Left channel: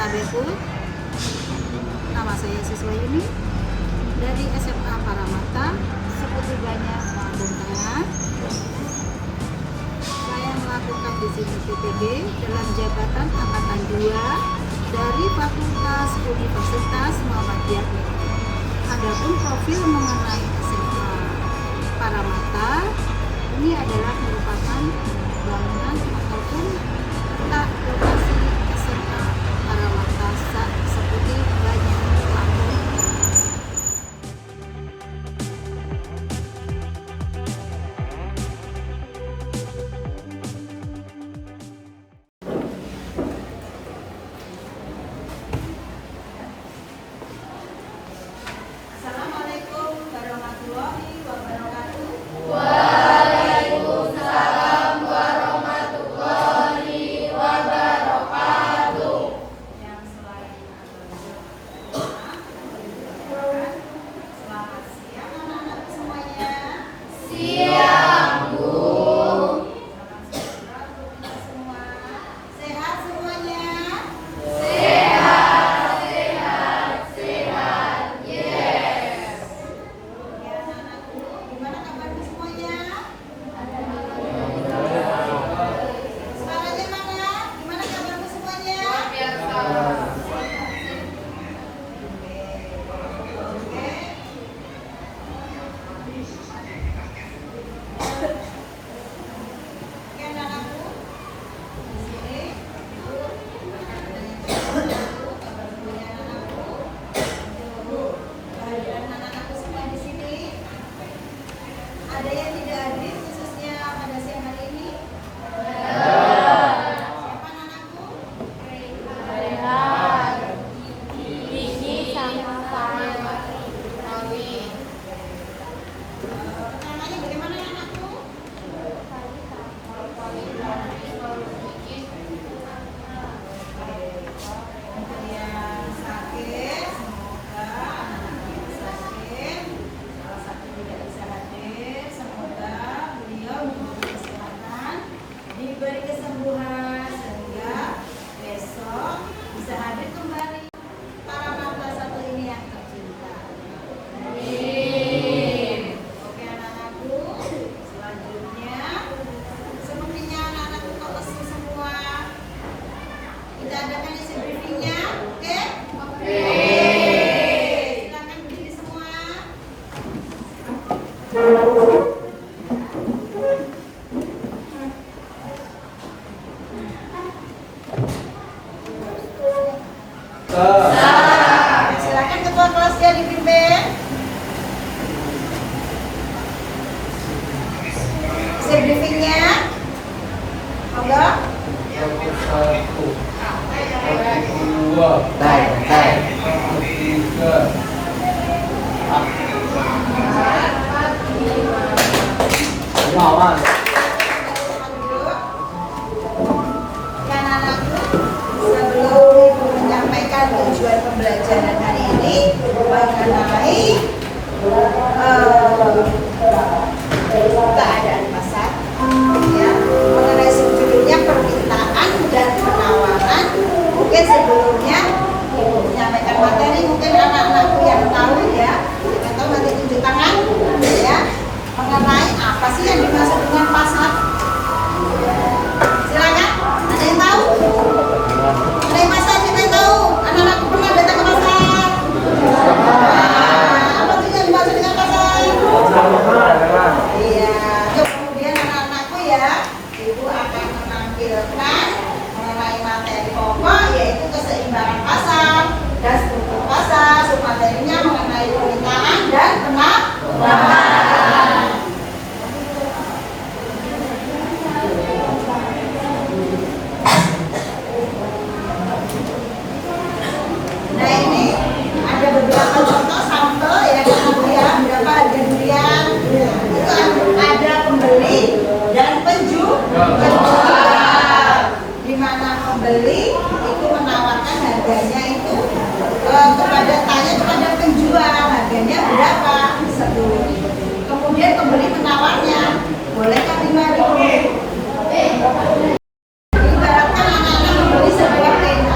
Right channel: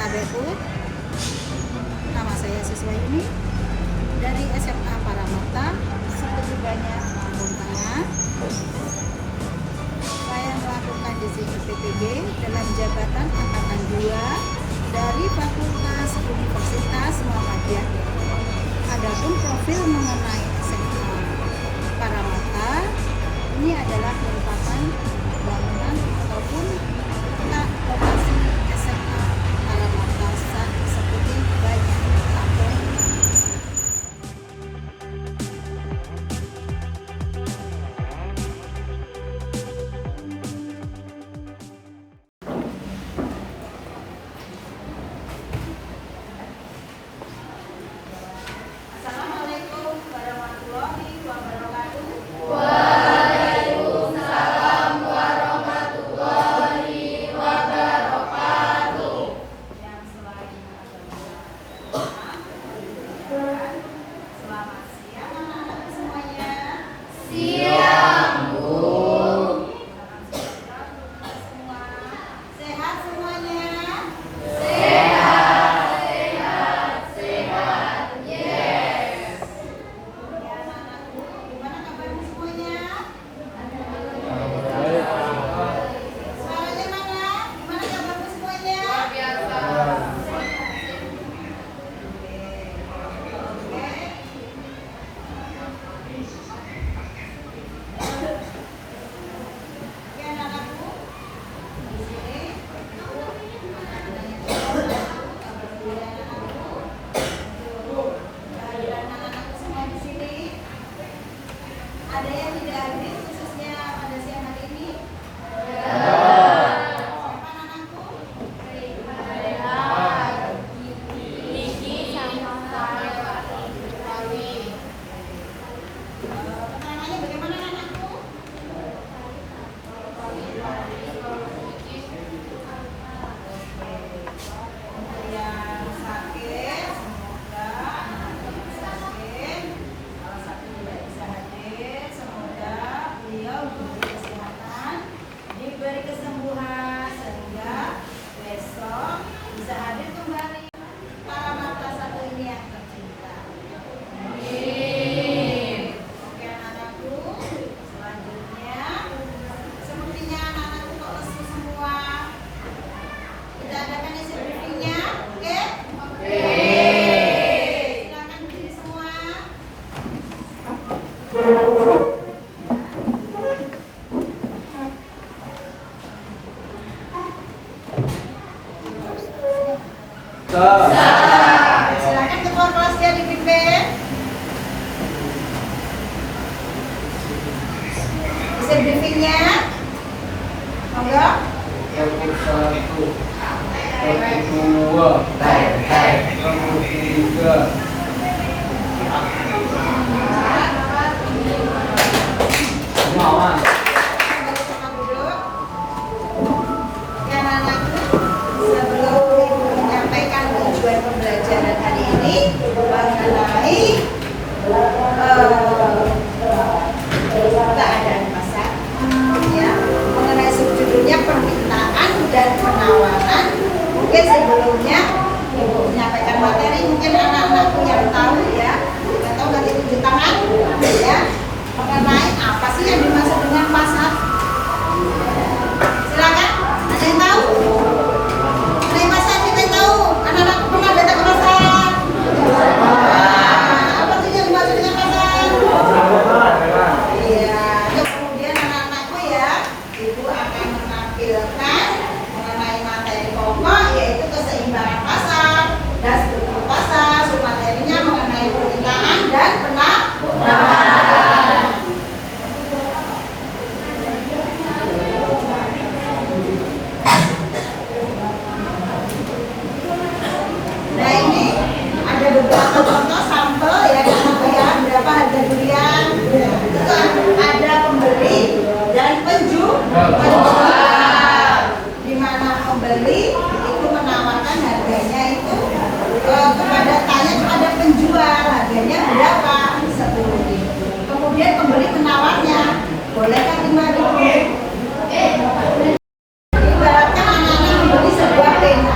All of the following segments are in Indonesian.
Adekku, nama saya Siswa Yuni dari SMA Paramata, Seketubannya Lampung Tengah. Saya melakukan di sini PPB dalam jabatan angkatan 2 dari Fakultas Universitas Muhammadiyah. Adapun profil mengenai SMA Paramata ini adalah merupakan bangunan ataupun lokasi SMA Paramata seperti banyak Lampung. Assalamualaikum warahmatullahi wabarakatuh. Waalaikumsalam warahmatullahi wabarakatuh. Yang selain selamat siang anak-anak semuanya. Siang, Bu. Semua sehat semuanya. Sehat. Yes. Ya anak-anakku, gimana kabarnya semuanya? Suaranya mana? Gimana kabarnya semuanya? Oke. Oke anak-anakku, di sini ada yang kabar dulu ya anak-anakku. Untuk kehadiran anak-anakku semua di sini. Ada yang tidak hadir khususnya pada siang hari ini? Siapa anak-anakku? Namanya bagaimana anak-anakku? Untuk yang sakit, semoga anak-anak yang sakit, salah satu tidak bisa hadir, semoga beliau diberi kesehatan, diberi kesembuhan sehingga besok bisa hadir kembali. Paramata satu ini yang tercinta. Oke anak-anakku, selanjutnya sepertinya anak-anakku kok lesu semua. Kita adakan isi briefingnya, oke? Silakan berdiri semua. Silakan ketua kelas dia dipimpin. Isi briefingnya, monggo. Yang satu, yang kedua, yang ketiga. Mama. Ya anak-anakku, sebelum Ibu menyampaikan tujuan pembelajaran hari ini mengenai keadaan pasar, ya, mengenai judulnya permintaan dan penawaran. Mungkin sebelumnya Ibu menyampaikan materi, mungkin anak-anakku yang tahu ya, kita tahu nanti tunjuk tangan, ya, mengenai apa sih yang dimaksud dengan pasar. Silakan, ada yang tahu? Ada yang pasar, siapa yang tahu? Anak-anakku pernah datang ke pasar? Apa sih yang dimaksud dengan pasar? Iya, itu kemudian anak-anakku ya, Ibu akan menampilkan mengenai materi pokok yaitu keseimbangan pasar dan struktur pasar. Submaterinya mengenai permintaan dan penawaran. Nah ini ada beberapa contoh sampel ya anak-anakku ya, berapa harga durian. Itu ada pembeli dan penjual. Di mana pembeli itu menawarkan harganya itu kepada penjual harganya berapa? 10.000. Kemudian pembeli menawarnya, bolehkah 5.000? Ibaratkan anak-anak membeli sebuah pena.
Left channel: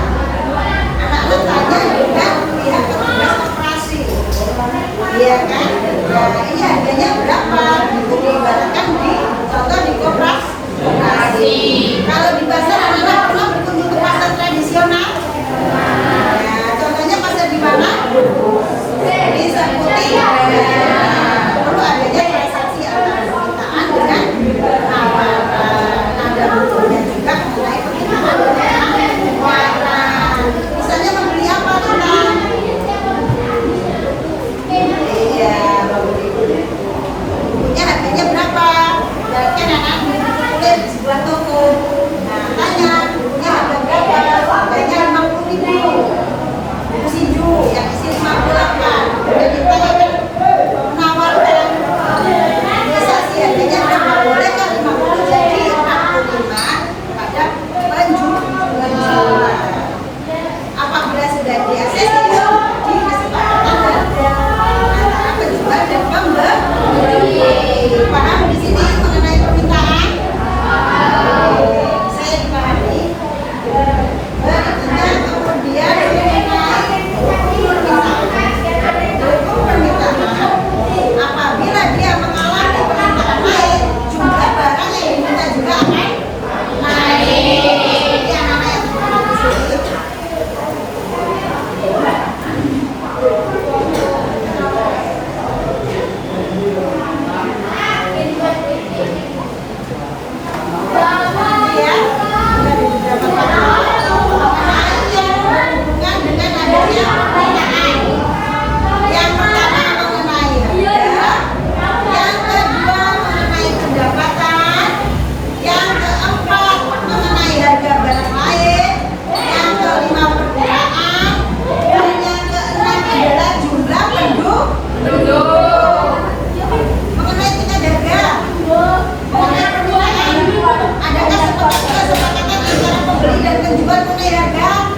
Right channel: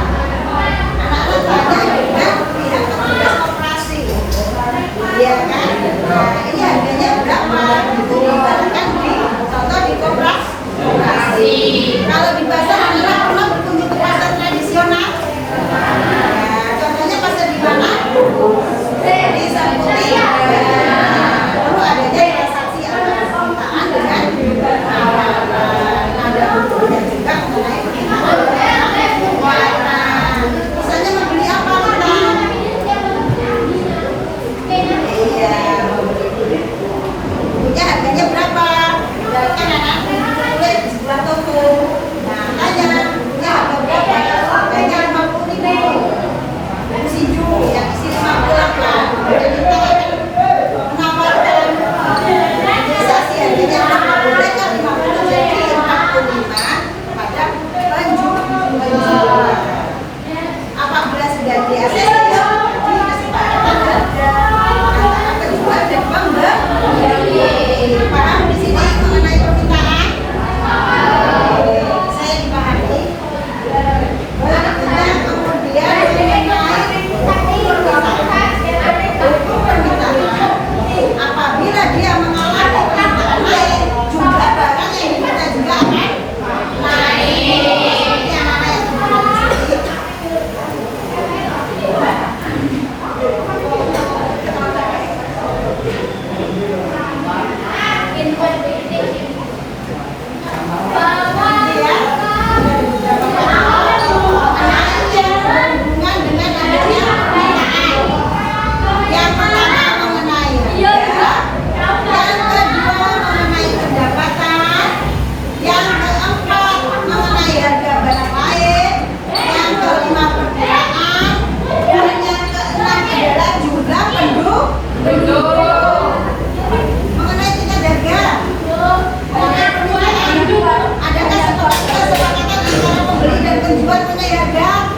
mengenai harga?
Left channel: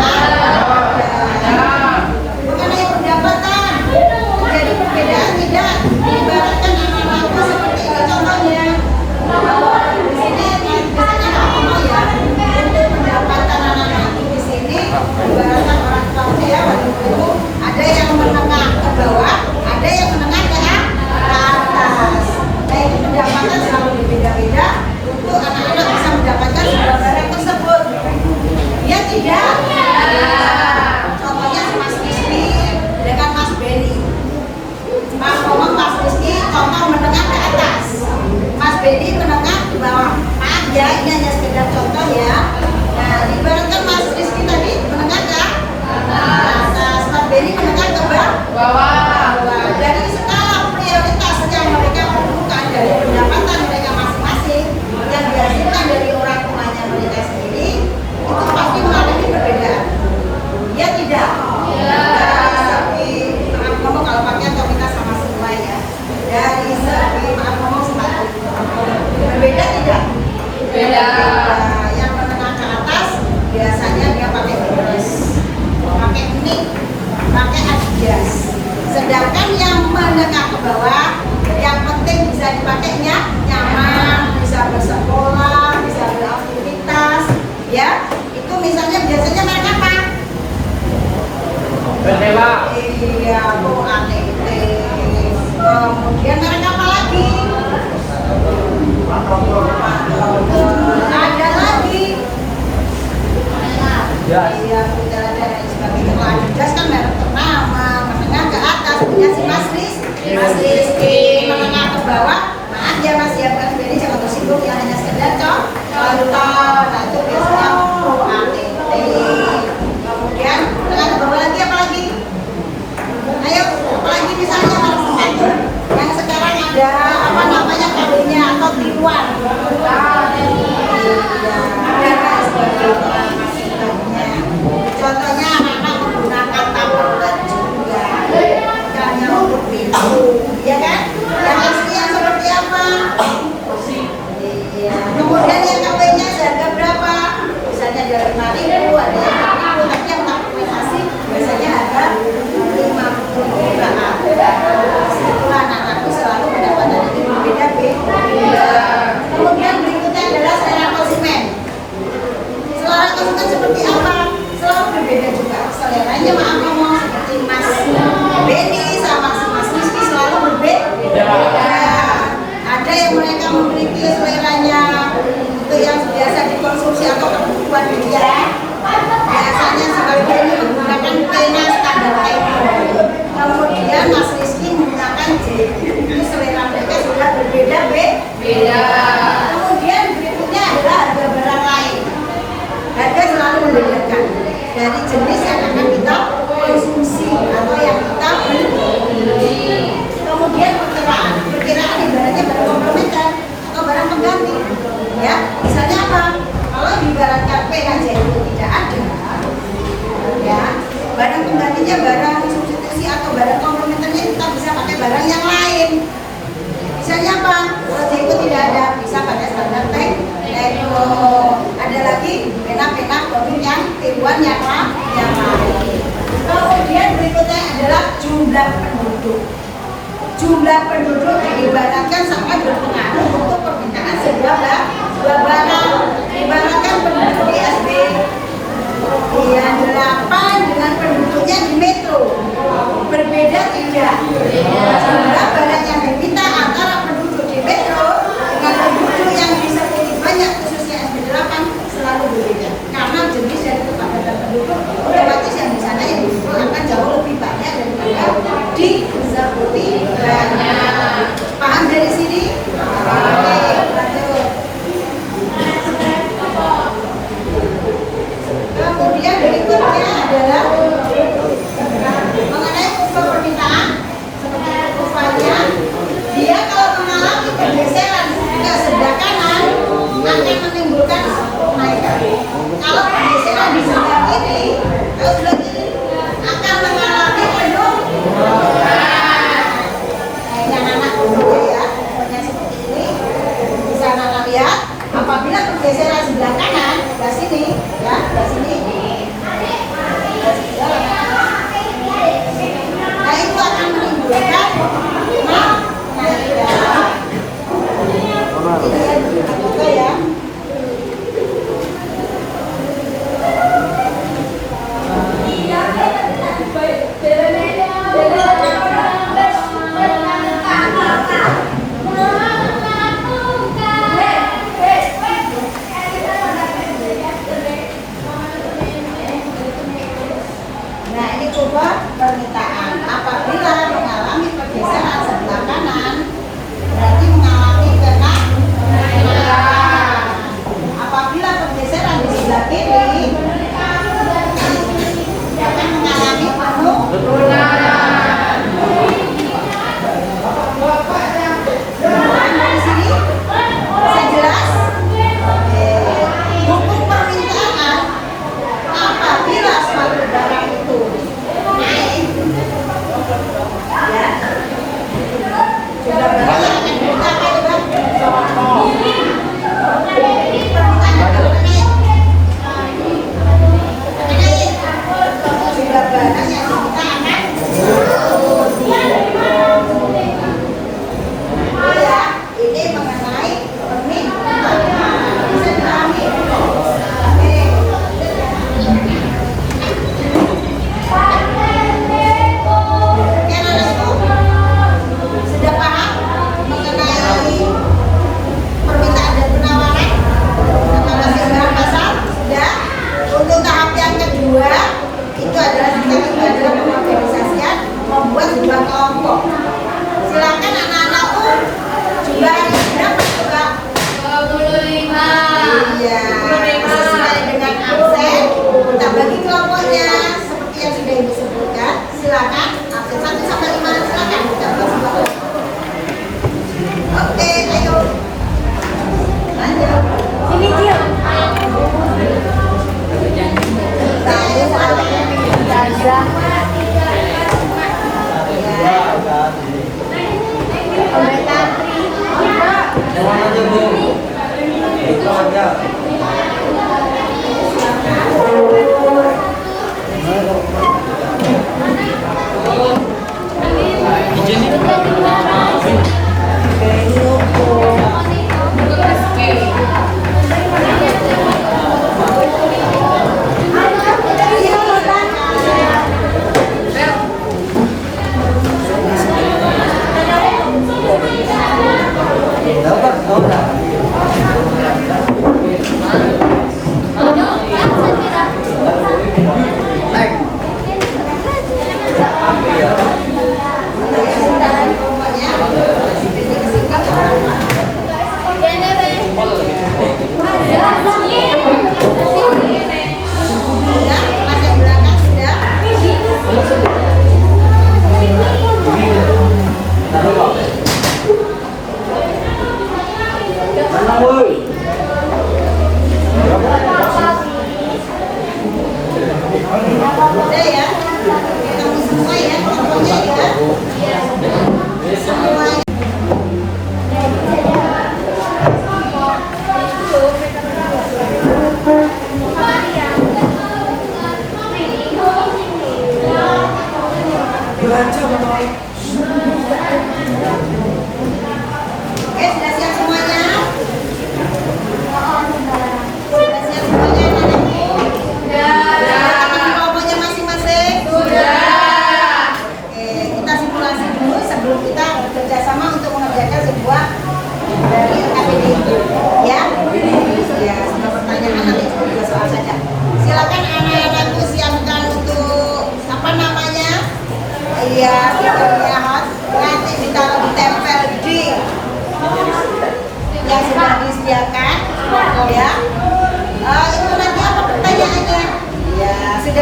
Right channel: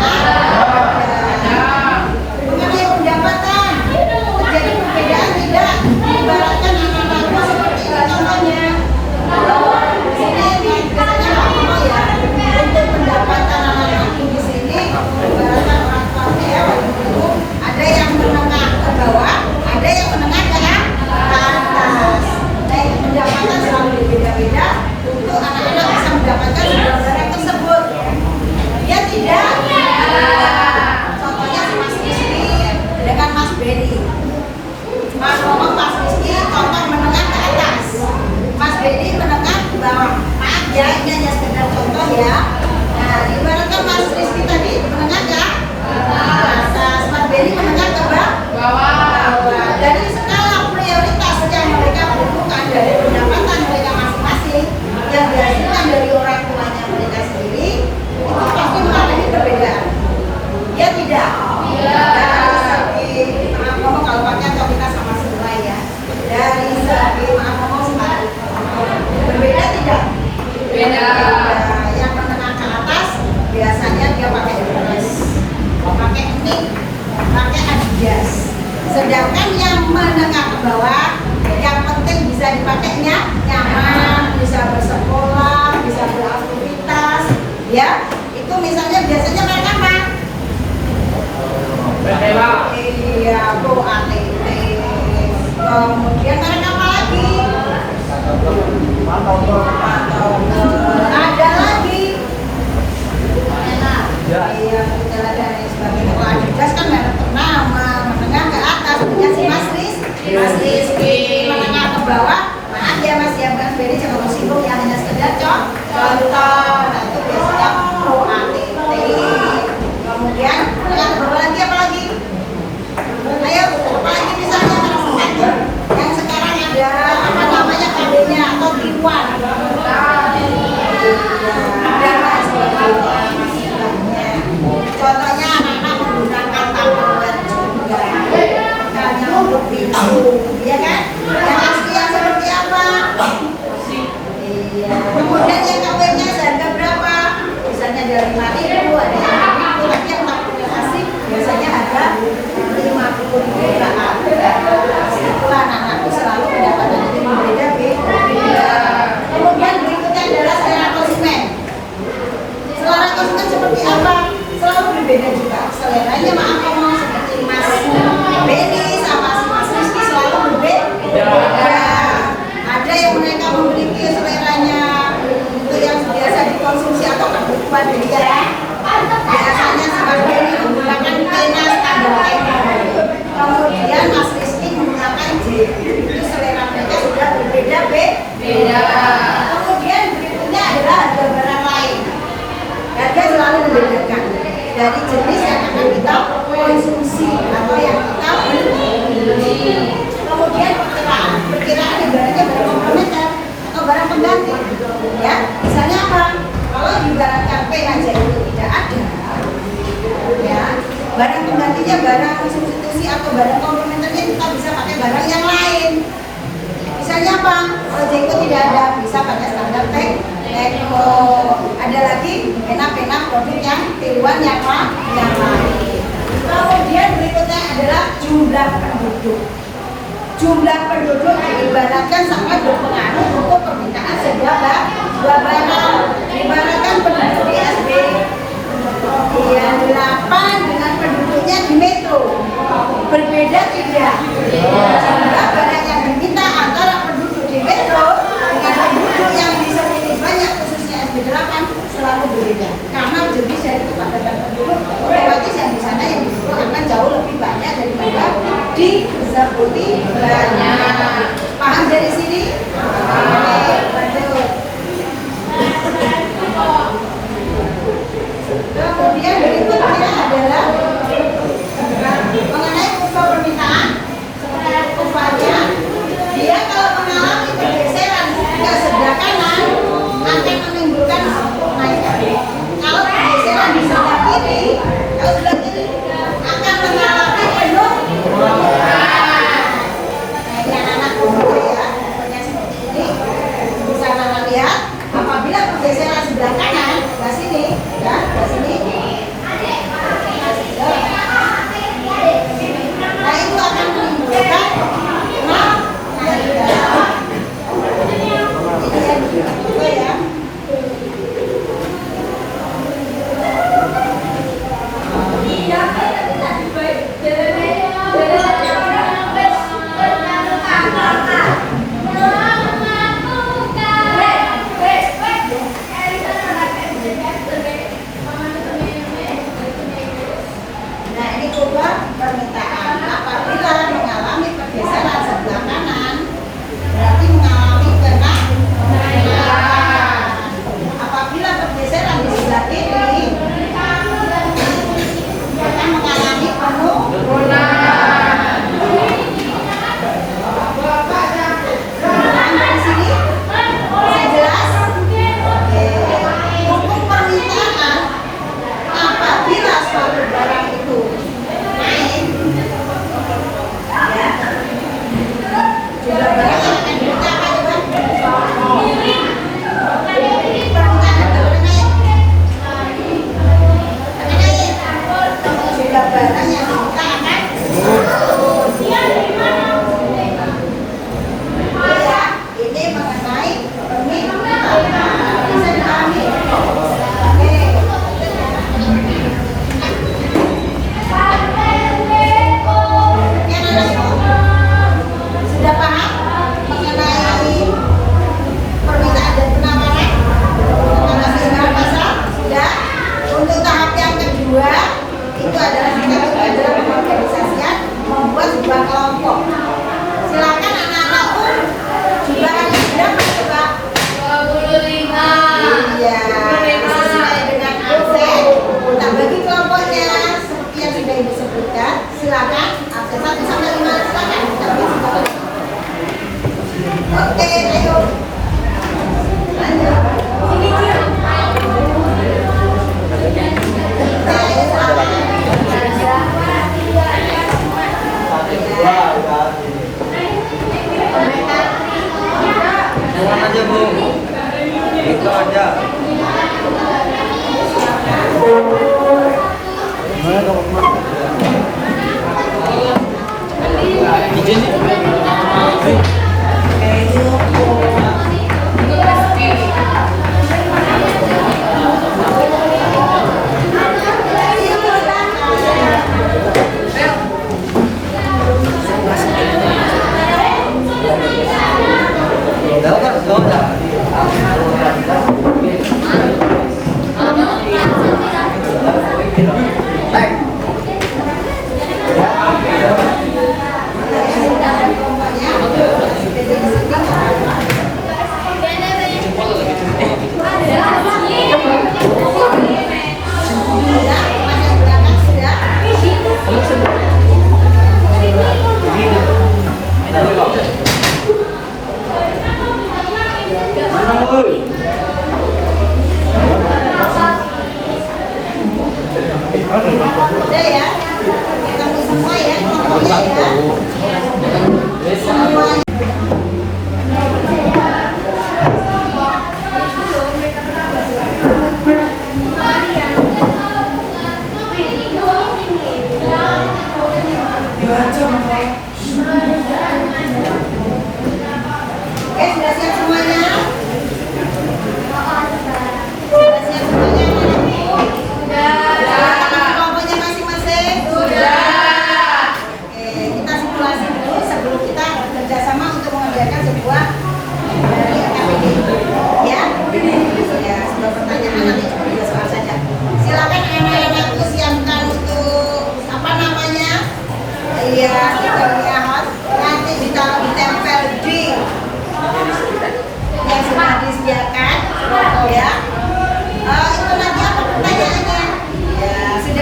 Ada. Mengenai pendapatan, jadi perbedaan tidak? Ibaratkan anak-anakku seperti ini contohnya. Di sini biasanya ngomong ya, untuk pendapatan anak-anakku di sini, ibaratkan orang tuanya ya, waktu itu ada yang menengah ke bawah, ada yang menengah ke atas. Nah itu pendapatan selalu berbeda-beda untuk anak-anak bisa mendapatkan sebuah barang tersebut. Ya tidak? Contohnya si Mas Rizky dengan Mas Benny. Mas ngomong Mas Rizky contoh menengah ke atas, Mas Benny menengah ke bawah. Maaf ya, ini hanya sekedar contoh ya. Nah, ibaratkan Mas Rizky tadi menengah ke atas, Mas Benny menengah ke bawah. Dari skala prioritas yang mereka butuhkan dari pendapatan mereka masing-masing yang dihasilkan dari orang tuanya mereka sendiri, itu pasti mengalami perbedaan. Ya tidak? Dari segi maaf ngomong kalau pakai atau kita sama semua ya. Dari segi maaf ngomong sepatu berbeda tidak? Beda. Yang menengah ke atas biasanya dia pakai Hermes, pakai Nike, pakai Adidas. Sedangkan yang menengah ke bawah, yang penting bisa dipakainya nyaman, bisa bersekolah, bisa beraktivitas, ya. Itu misalnya biasanya mereka apa? Bendera. Iya, Bu ATT. Kemudian mereka apa lagi? Ada lagi. Iya, dan lain sebagainya. Kalau Adidas kan merek ternama, menengah ke atas punya si Mas Rizky, menengah ke bawah. Maaf ya Mas ya, Mas Benny jangan tersinggung ya, hanya sekedar contoh. Nah itu biasanya Pro ATT. Kemudian menengah ke bawah lagi apa lagi? Ayo, apa lagi misalnya merek sepatu yang sekarang ada apa namanya kawinnya atau tiruan. Iya, ada sebagainya masih banyak. Contohnya anak-anak menggunakan Tupperware juga, ikannya untuk minum, ya kan? Yang asli yang seperti apa? Iya. Kemudian yang KW-nya seharga berapa? Misalnya dari 5.000, ada yang 6.000, tapi yang Tupperware asli biasanya harga 50.000 ke atas. Itulah anak-anakku selalu pendapatan ini berbeda-beda. Kemudian berikutnya adalah selera konsumen. Selera konsumen seperti apa? Selalu berbeda juga. Seleranya maaf ngomong seperti Mas Benny sama si Mas Rizky selalu berbeda. Ada yang mereka memiliki seleranya itu yang biasa dikonsumsi atau kebutuhan dia. Biasanya si Mas Benny menggunakan pena standar Tempo. Kemudian Mas Rizky menggunakan jet. Itu selera mereka sudah berbeda-beda. Kemudian berikutnya adalah harga barang lain. Harga selalu membedakan dari jenis yang akan kita konsumsi atau yang kita beli. Kemudian perkiraan ibaratnya barang komplementer atau barang pengganti. Ya, misalnya apa? Kalau diibaratkan PHJ itu tidak ada, ya barang penggantinya, barang substitusi atau barang komplementernya kita bisa pakai barang yang lain. Misalnya apa? Kalau Jeko tidak ada, bisa pakai standar Tempo. Ada lagi pena-pena produk yang tiruan yang lain. Kemudian berikutnya adalah jumlah penduduk. Jumlah penduduk diibaratkan sangat berpengaruh untuk permintaan sebuah barang. Ibaratkan penduduk di SB yang 8 dengan penduduknya di metro berbeda tidak? Jumlah barang yang diminta antara penduduk di metro dengan penduduk yang bisa pilih banyak khususnya SB8 selalu berbeda karena jenis dari kepadatan penduduk otomatis yang di sana yang disuruh akan jauh lebih banyak daripada di banyak. Paham dari sini? Oke, betul.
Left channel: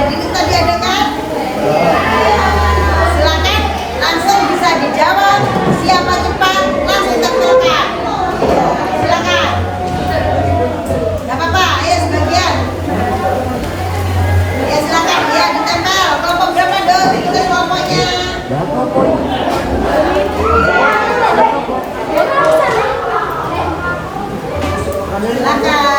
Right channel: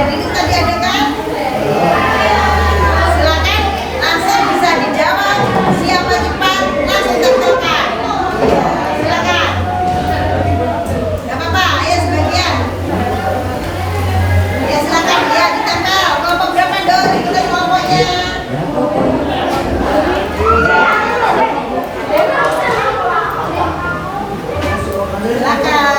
Dari itu tadi ada kan? Silakan langsung bisa dijawab. Siapa cepat langsung tempelkan. Silakan. Gak apa-apa, ayo sebagian. Ya silakan, ya ditempel. Kelompok berapa dong? Ikutin kelompoknya. Silakan.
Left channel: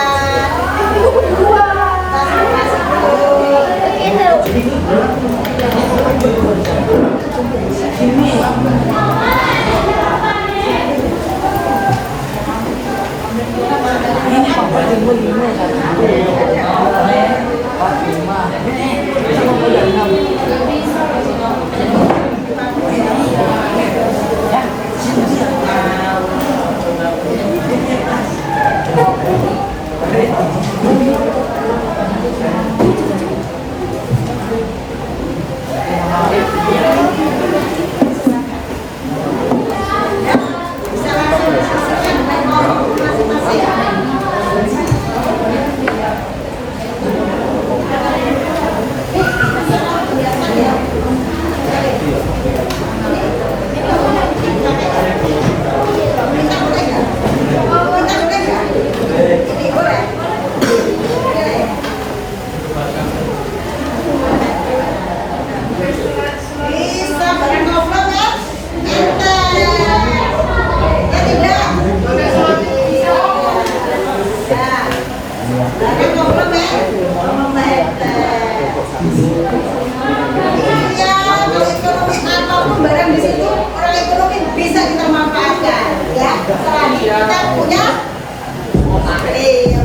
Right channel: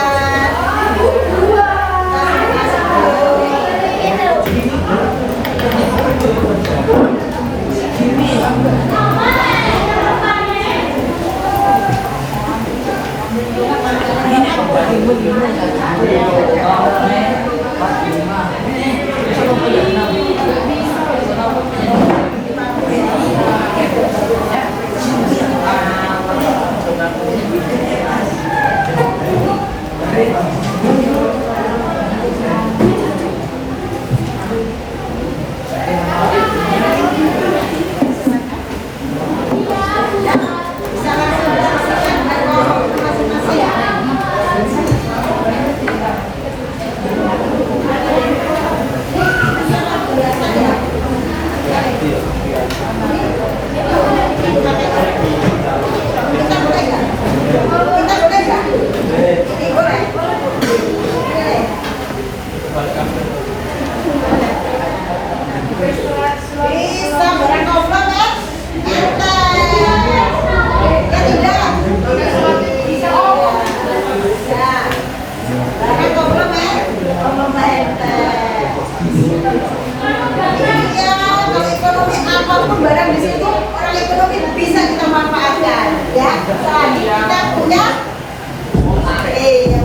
Bisa langsung diskusikan dengan kelompok masing-masing. Kita boleh nggak? Jadi boleh. Bisa barang komplot ya? Enter. Ya tidak? Bisa. Barang komplot ya? Komplot enter. Iya, kalau ekonomi apapun barang di situ orang ekonomi bisa kita manfaatkan, ya. Selagi kita punya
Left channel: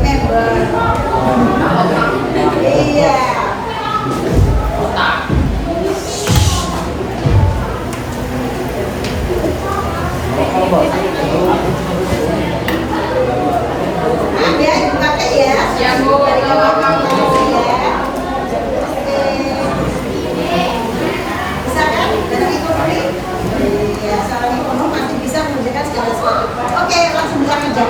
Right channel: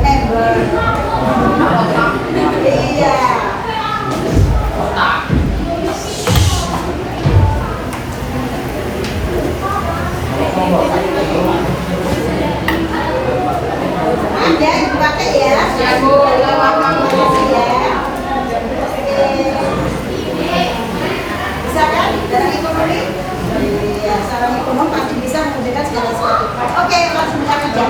member. Iya. Ada dipakai ya? Ya Bu. Bisa kan? Barang ekonomi? Iya, seorang ekonom pasti bisa mengerjakan segala sesuatu. Oke, langsung bisa kerja.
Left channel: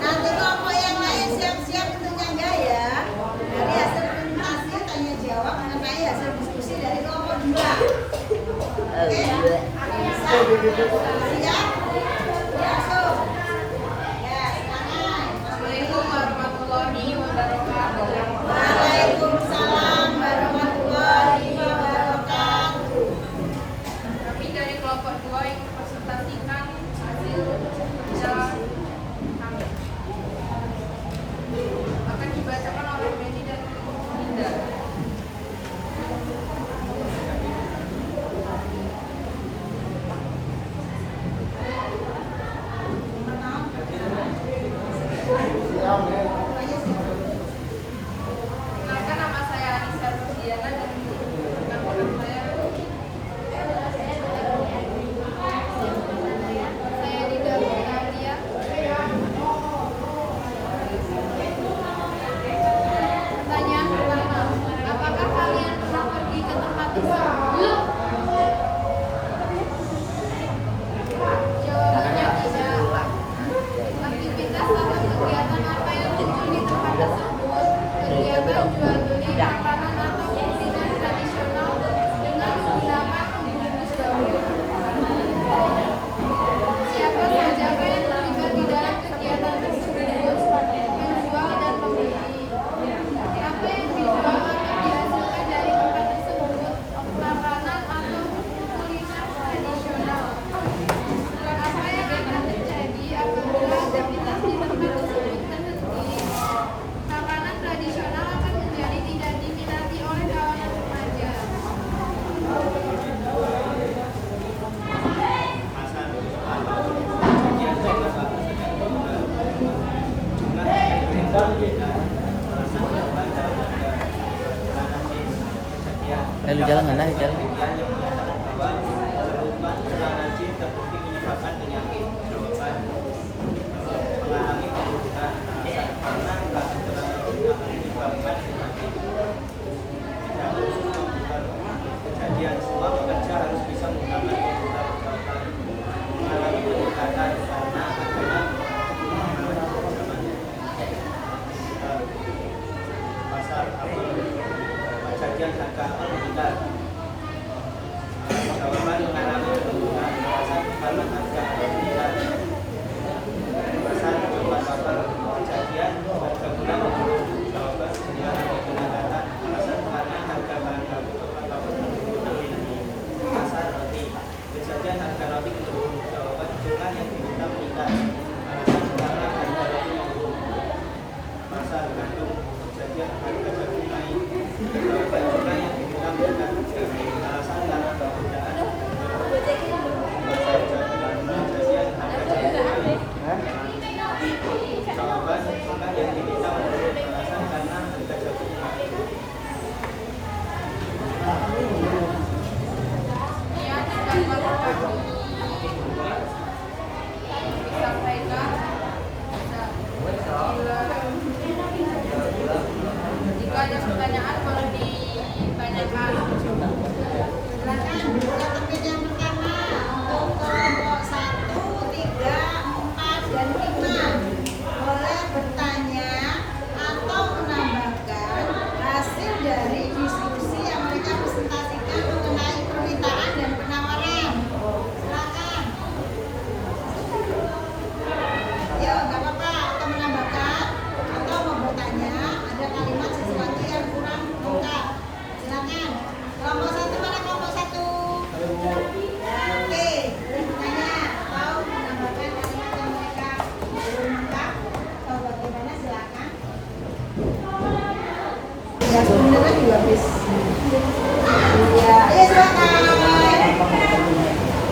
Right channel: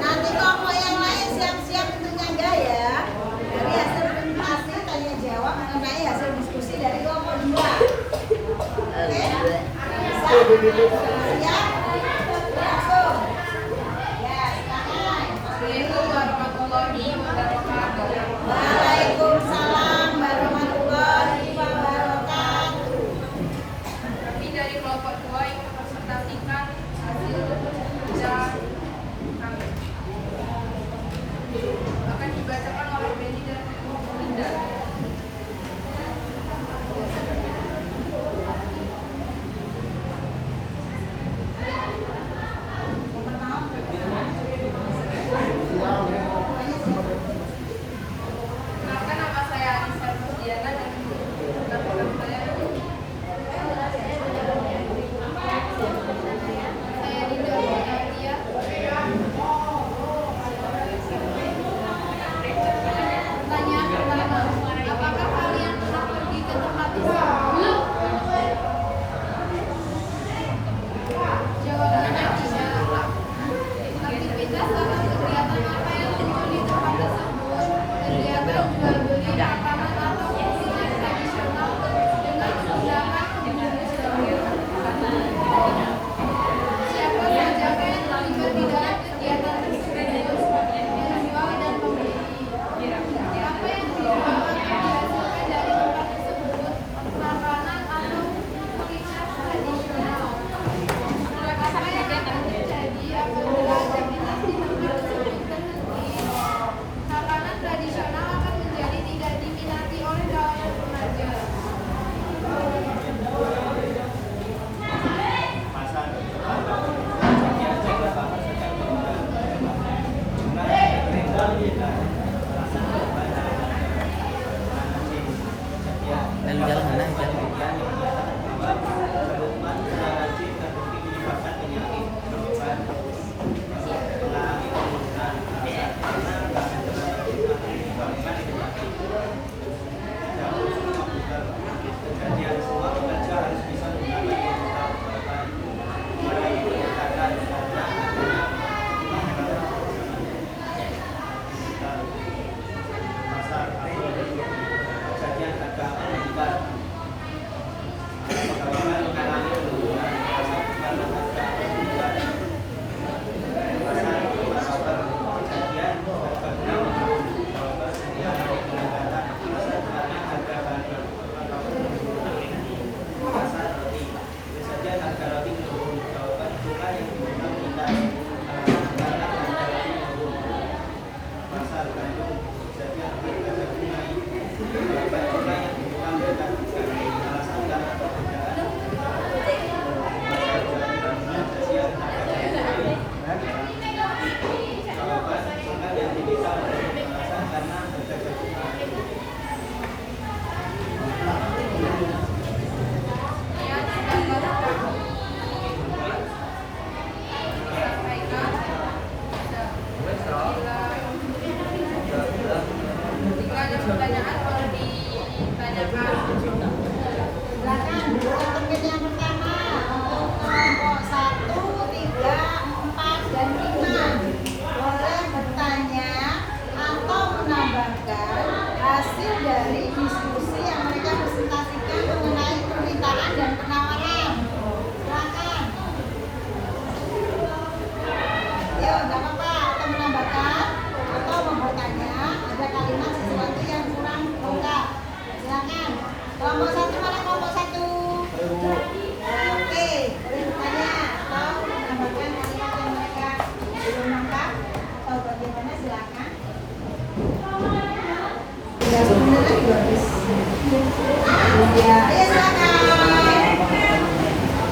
Nanti kelompok yang lain siap-siap untuk nyangga ya. Dari hasil presentasi tanya jawab mengenai hasil diskusi dari kelompok 2. Oke? Bisa? Siap? Langsung. Ya, silakan. Assalamualaikum warahmatullahi wabarakatuh. Waalaikumsalam warahmatullahi wabarakatuh. Kami dari kelompok 2 ingin mempresentasikan hasil kerja kami. Akan dibacakan oleh Benny dan Linda. Kenalkan, nama saya Anissa Rosdiana dan penampilan saya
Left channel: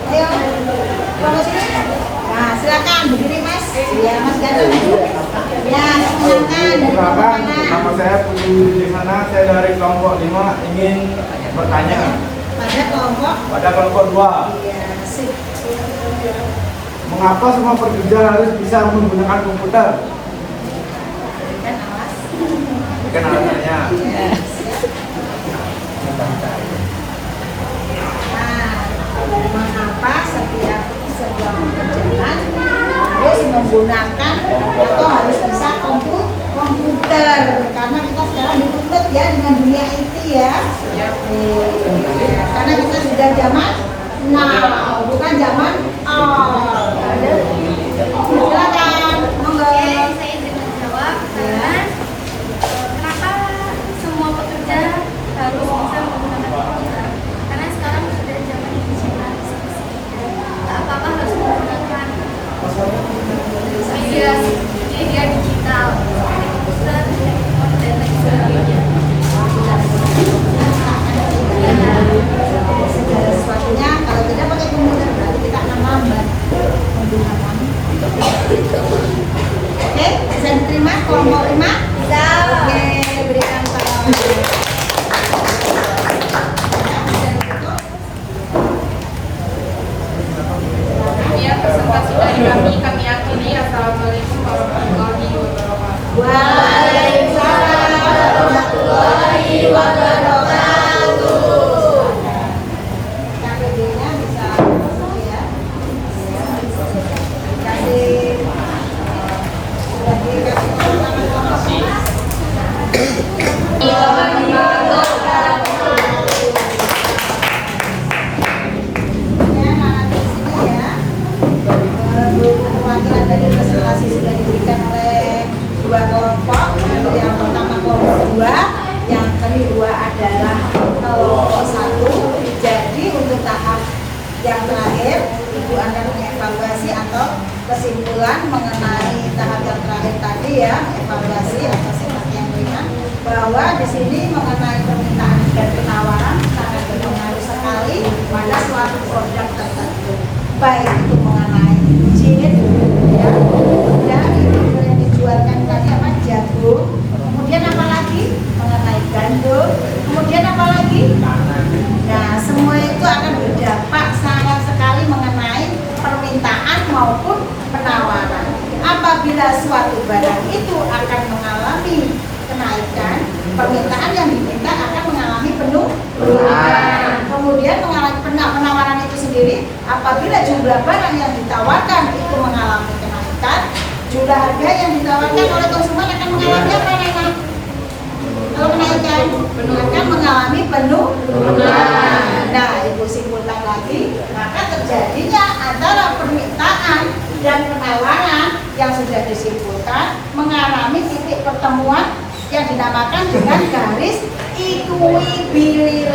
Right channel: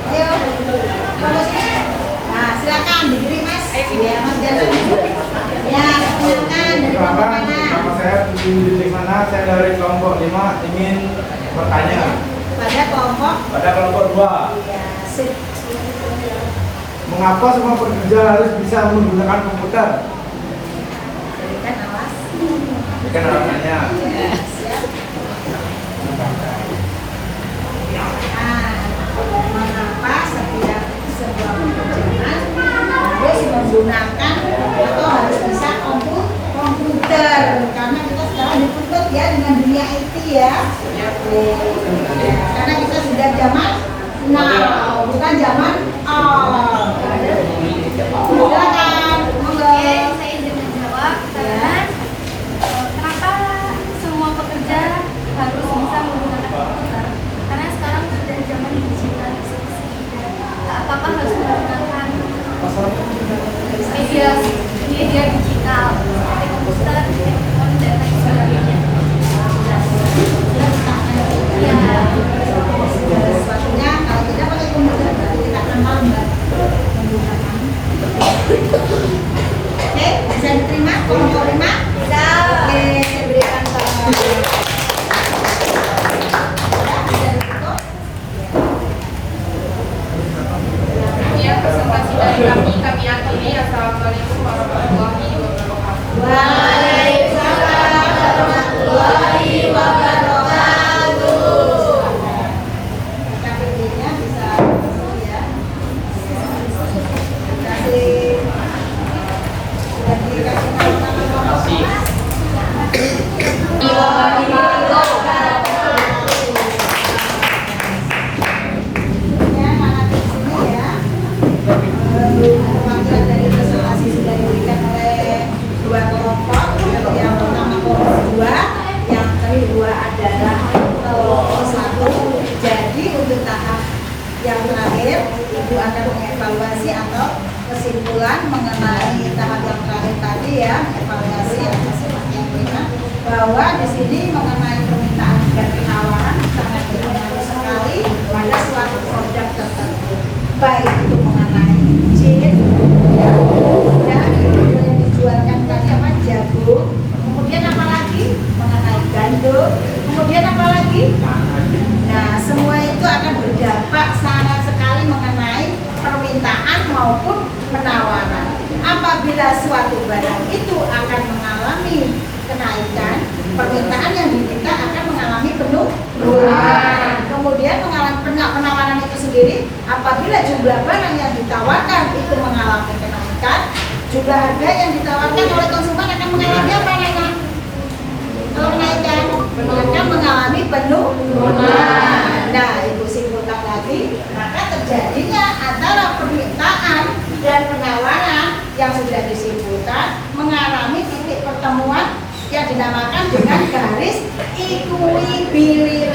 Ayo. Nah, silakan diberi Mas. Ya, Mas Gandul. Ya, silakan dari kelompok Perkenalkan, mana? nama saya Putu Dimana, saya dari kelompok 5 ingin bertanya Pada kelompok. pada kelompok 2. Iya, sip. Mengapa semua pekerja harus bisa menggunakan komputer? Ini kan alasannya. Nah, mengapa setiap sebuah pekerjaan harus menggunakan atau harus bisa komputer? Karena kita sekarang dituntut ya dengan dunia IT ya. Karena kita sudah zaman now, bukan zaman old. Silakan, monggo. Saya ingin menjawab karena kenapa semua pekerja harus bisa menggunakan komputer? Karena sekarang sudah zaman digitalisasi. Apa-apa harus menggunakan media digital, seperti komputer, handphone, dan lain sebagainya. Ya. Segala sesuatunya kalau tidak pakai komputer berarti kita akan lambat menggunakan. Oke, saya diterima kelompok 5. Oke, berikan tangan. Demikian presentasi dari kami akhiri. Assalamualaikum warahmatullahi wabarakatuh. Waalaikumsalam warahmatullahi wabarakatuh. KTP-nya bisa ya. Kasih sudah dikasih nama kelompok. Ya, nanti di sini ya. Perwakilan dari presentasi sudah diberikan oleh dua kelompok. Yang pertama kelompok 2, yang kedua adalah kelompok 1. Jadi untuk tahap yang terakhir, Ibu akan mengevaluasi atau kesimpulan mengenai tahap yang terakhir tadi ya, evaluasi atau seperti yang punya bahwa di sini mengenai permintaan dan penawaran sangat berpengaruh sekali pada suatu produk tertentu, baik itu mengenai chip ya, kemudian yang dijualkan katakan jagung, kemudian apa lagi mengenai gandum, kemudian apa lagi. Nah, semua itu akan berdampak sangat sekali mengenai permintaan maupun penawaran. Apabila suatu barang itu akan mengalami kenaikan, permintaan yang diminta akan mengalami penurunan. Kemudian mengalami penawaran itu sendiri, apabila jumlah barang yang ditawarkan itu mengalami kenaikan, jumlah harga yang ditawarkan oleh konsumen akan mengalami apa, Nana? Kalau kenaikan akan mengalami penurunan. Nah, Ibu simpulkan lagi, maka terjadinya antara permintaan dan penawaran yang sudah disimpulkan mengalami titik pertemuan yang dinamakan dengan garis equilibrium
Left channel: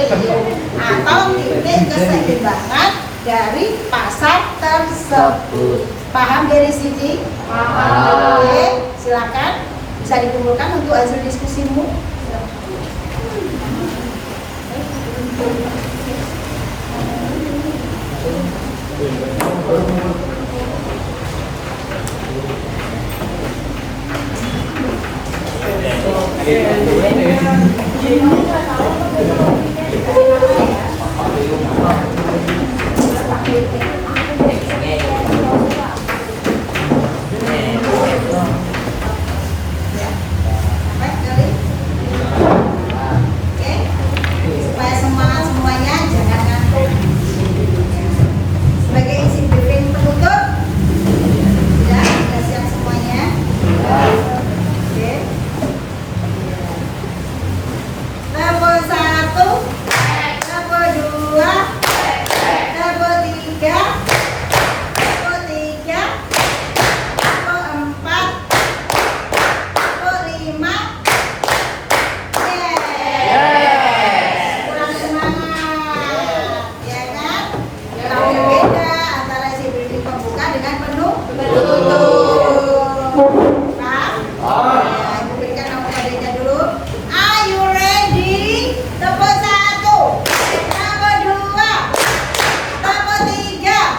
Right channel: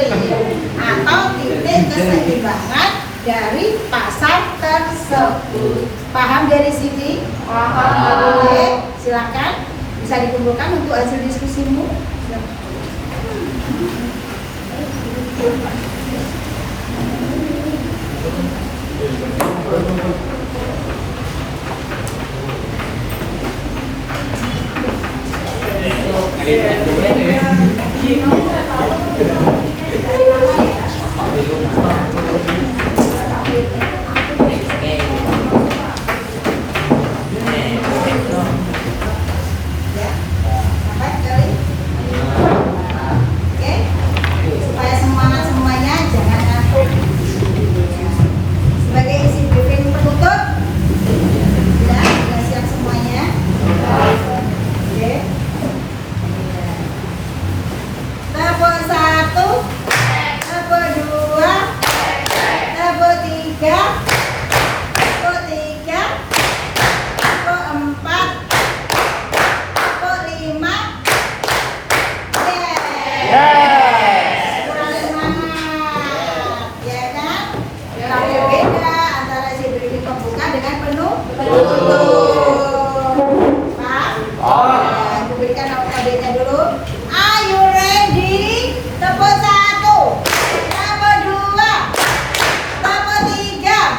atau titik keseimbangan dari pasar tersebut. Paham dari sini? Oke, silakan bisa dikumpulkan untuk hasil diskusimu. Oke, supaya semuanya jangan ngantuk. Sebagai isi briefing penutup, sudah siap semuanya. Oke. Level 1, level 2, level 3, level 4, level 5. Kurang semangat, ya kan? Kalau beda antara isi briefing pembuka dengan penutup. Paham? Nah, diberikan alfabetnya dulu. Are you ready? Level 1, level 2, level 3,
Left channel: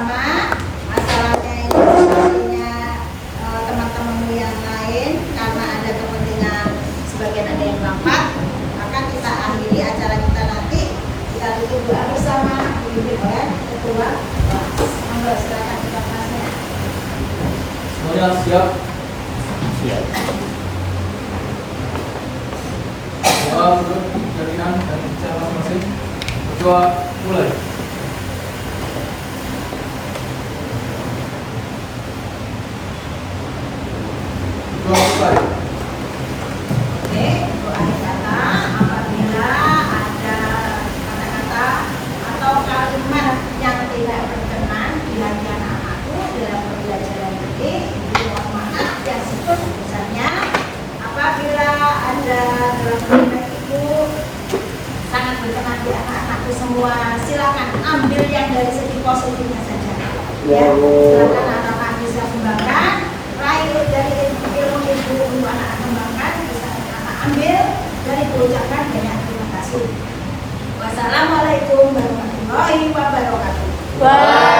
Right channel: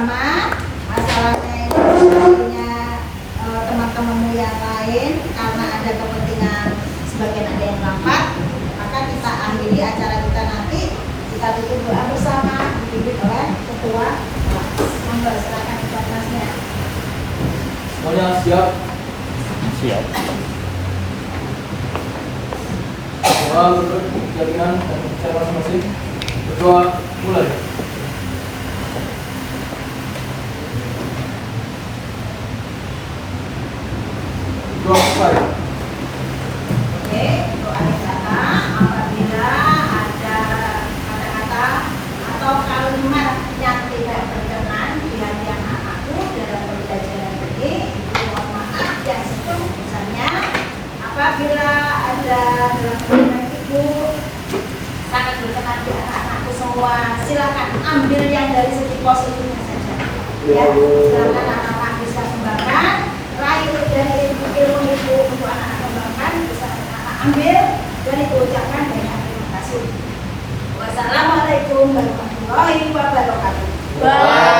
bersama, masalahnya ini sebenarnya teman-temanmu yang lain karena ada kepentingan sebagian ada yang rapat, maka kita akhiri acara kita nanti, kita tutup doa bersama dipimpin oleh ketua kelas. Monggo silakan ketua kelasnya. Semuanya siap? Siap. Doa berikut jadikan dan bicara masing-masing. Berdoa mulai. Doa mulai. Oke, untuk akhir kata, apabila ada kata-kata atau kalimat yang tidak berkenan di hati anak-anakku dalam pembelajaran ini, ibu mohon maaf yang sebesar-besarnya. Apabila ada dalam kalimat ibu sangat berkenan di anak-anakku semua, silakan ambil yang dari segi positifnya saja. Ya, silakan anak-anak bisa kembangkan, raih dari ilmu ibu untuk anak-anak kembangkan, bisa anak ambil dan ibu ucapkan banyak terima kasih. Wassalamualaikum warahmatullahi wabarakatuh.